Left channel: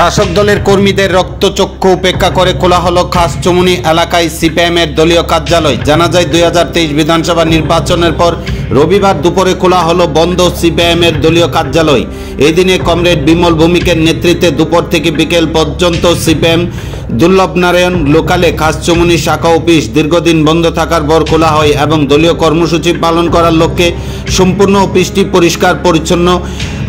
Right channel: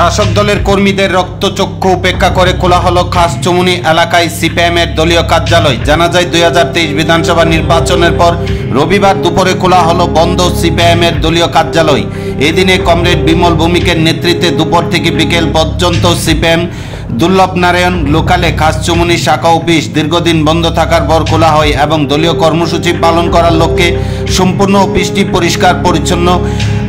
শাসক দলের কর্মীদের রক্তচক্ষু উপেক্ষা করে খোলা হলো খাসচুমুনি এলাকায় সিপিএমের দলীয় কার্যালয়। জানা যায় 2023 বিধানসভা নির্বাচনের পর রবিবার দুপুরে খোলা হলো বন্ধ সিপিএমের দলীয় কার্যালয়। এদিনে কমরেড বিমল ভৌমিকের নেতৃত্বে দুপুর থেকে বিকেল পর্যন্ত সিপিএম দুর্লভনারায়ণ লোকালে খাসচুমুনি শাখা অফিস দীর্ঘদিন বন্ধ থাকার পর খোলা হয় এবং দলীয় কর্মসূচি পালন করার লক্ষ্যে সম্পূর্ণ অফিসটি পরিষ্কার পরিচ্ছন্ন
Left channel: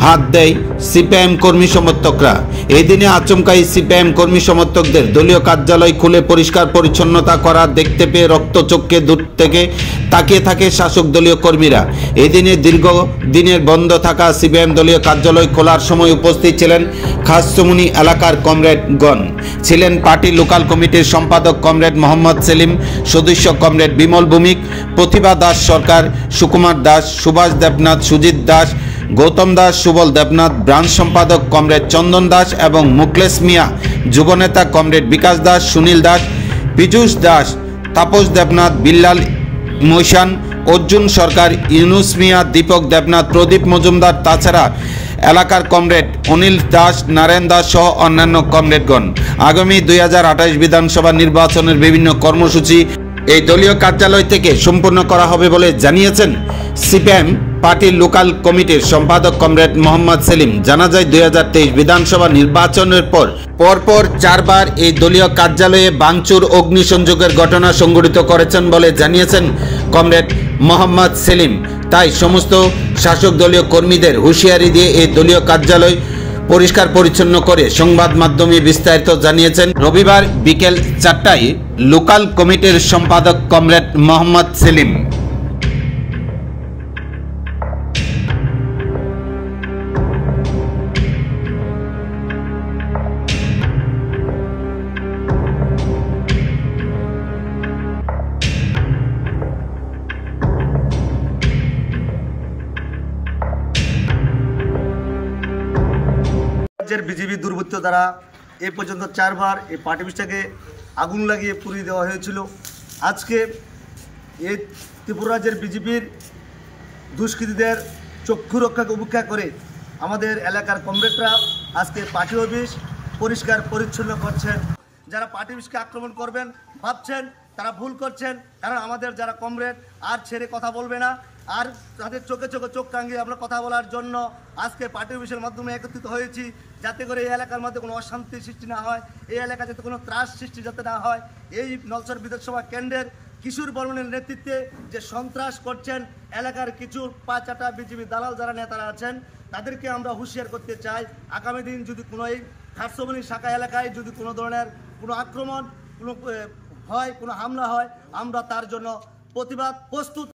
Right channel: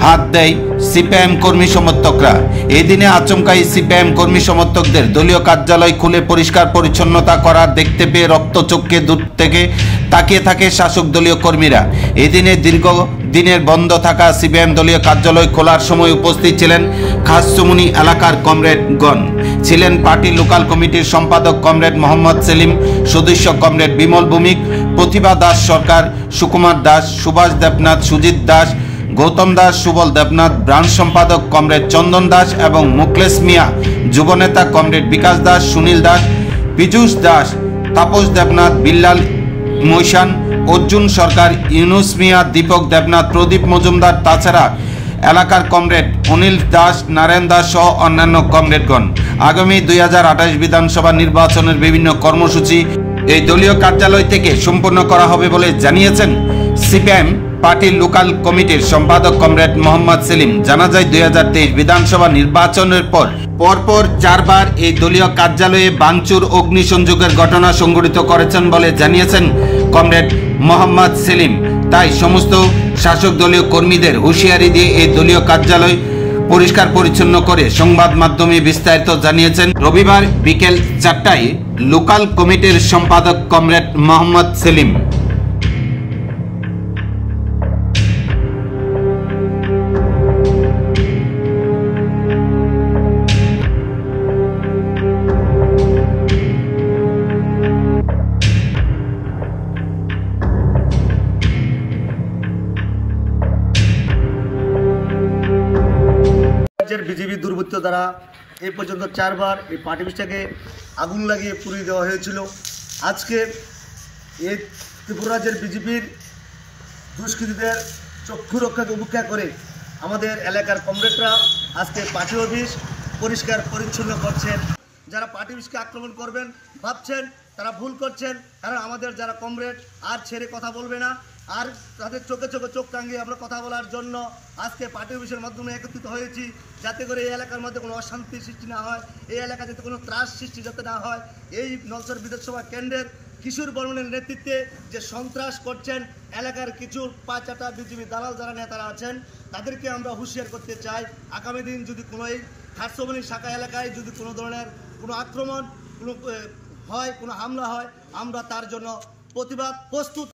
হাত দেয় সিপিএম কর্মী সমর্থকরা। এই দিনে আচমকাই সিপিএম কর্মী সমর্থকদের দলীয় কার্যালয় খুলে পরিষ্কার পরিচ্ছন্নতা করা দেখতে পেয়ে রক্তচক্ষে দূর থেকে তাকিয়ে থাকে শাসক দলীয় কর্মীরা। এই দিনে দীর্ঘদিনের বন্ধ থাকা সিপিএম দলীয় কার্যালয় খোলার সময় উপস্থিত ছিলেন খাসচুমুনি এলাকার কমরেডগণ। ছিলেন পার্টি লোকাল কমিটির সম্পাদক কমরেড মোহাম্মদ সেলিম, সদস্য কমরেড বিমল ভৌমিক, প্রতিভা দাস সরকার, সুকুমার দাস, সুভাষ দেবনাথ, সুজিত দাস, গৌতম দাস, সুবল দেবনাথ, ব্রাঞ্চ সম্পাদক কমরেড চন্দন দাস এবং মুকলেশ মিয়া, যুবনেতা কমরেড বিকাশ দাস, সুনীল দাস, পীযূষ দাস, তাপস দেবনাথ, বিল্লাল মৈশান, অর্জুন সরকার, ইউনুস মিয়া, দীপক দেবনাথ, প্রদীপ মজুমদার, তাছাড়া এলাকার কমরেড অনিল দাস, নারায়ণ দাস সহ অন্যান্য কমরেডগণ। আগামী 2028 বিধানসভা নির্বাচনের বিভিন্ন কর্মসূচি এই দলীয় কার্যালয় থেকে সম্পন্ন করা হবে বলে জানিয়েছেন সিপিএম পার্টির লোকাল কমিটির সম্পাদক কমরেড মোহাম্মদ সেলিম। জানা যায় 2023 বিধানসভা নির্বাচনের পর পরপর 4 বার এই দলীয় কার্যালয়ে ভাঙচুর, অগ্নিসংযোগের ঘটনা সংঘটিত করেছেন বলে জানিয়েছেন কমরেড মোহাম্মদ সেলিম। তাই সমস্ত শাসক দলীয় কর্মীদের হুঁশিয়ারি দিয়ে এই দলীয় কার্যালয় পরিষ্কার পরিচ্ছন্ন করে সংবাদ মাধ্যমে বিস্তারিত জানিয়েছেন রবিবার বিকেল 4টায় লোকাল কমিটির সম্পাদক কমরেড মোহাম্মদ সেলিম। বিজেপি দুর্বৃত্ত দ্বারা এই পর্যন্ত 4 বার এই পার্টি অফিসটাকে আগুন লাগিয়ে পুড়িয়ে দেওয়া হয়েছিল। আজকে এই ত্রিপুরা রাজ্যের বিজেপির দুষ্কৃতীদের চক্ষু রক্ষাকে উপেক্ষা করে আমাদের এলাকার কমরেডরা আজকে পার্টি অফিস পরিষ্কার পরিচ্ছন্ন করছেন। যারা পার্টি অফিসকে আক্রমণ করবেন ভাবছেন তারা ভুল করছেন, কারণ আমাদের যারা কমরেড আর ছেড়ে কথা বলবে না, আর তাদের চোখে চোখে চোখ টাঙিয়ে আমরা কথা বলার জন্য আজকে পার্টি অফিসের মাধ্যমে একত্রিত হয়েছি, যাতে করে এই এলাকার মধ্যে কোনো অশান্তি সৃষ্টি না হয়, এই এলাকা যাতে কোনো ত্রাস সৃষ্টি যাতে না হয়। এই নলছর বিধানসভা কেন্দ্রের কিশোর বর্মনের নেতৃত্বে যে সন্ত্রাস করছেন এলাকার কিছু পাঁচাটা বিজেপি দালাল যারা নেতারা আছেন, তাদেরকে আমরা হুঁশিয়ার করতে চাই। আগামী দিন যদি কোনো এই খাসচুমুনি শাখা এলাকায় যদি কোনো ধরনের কোনো আক্রমণ কোনো হয়, কোনো হামলা হয়, আমরা তার জন্য প্রতিবাদ প্রস্তুত।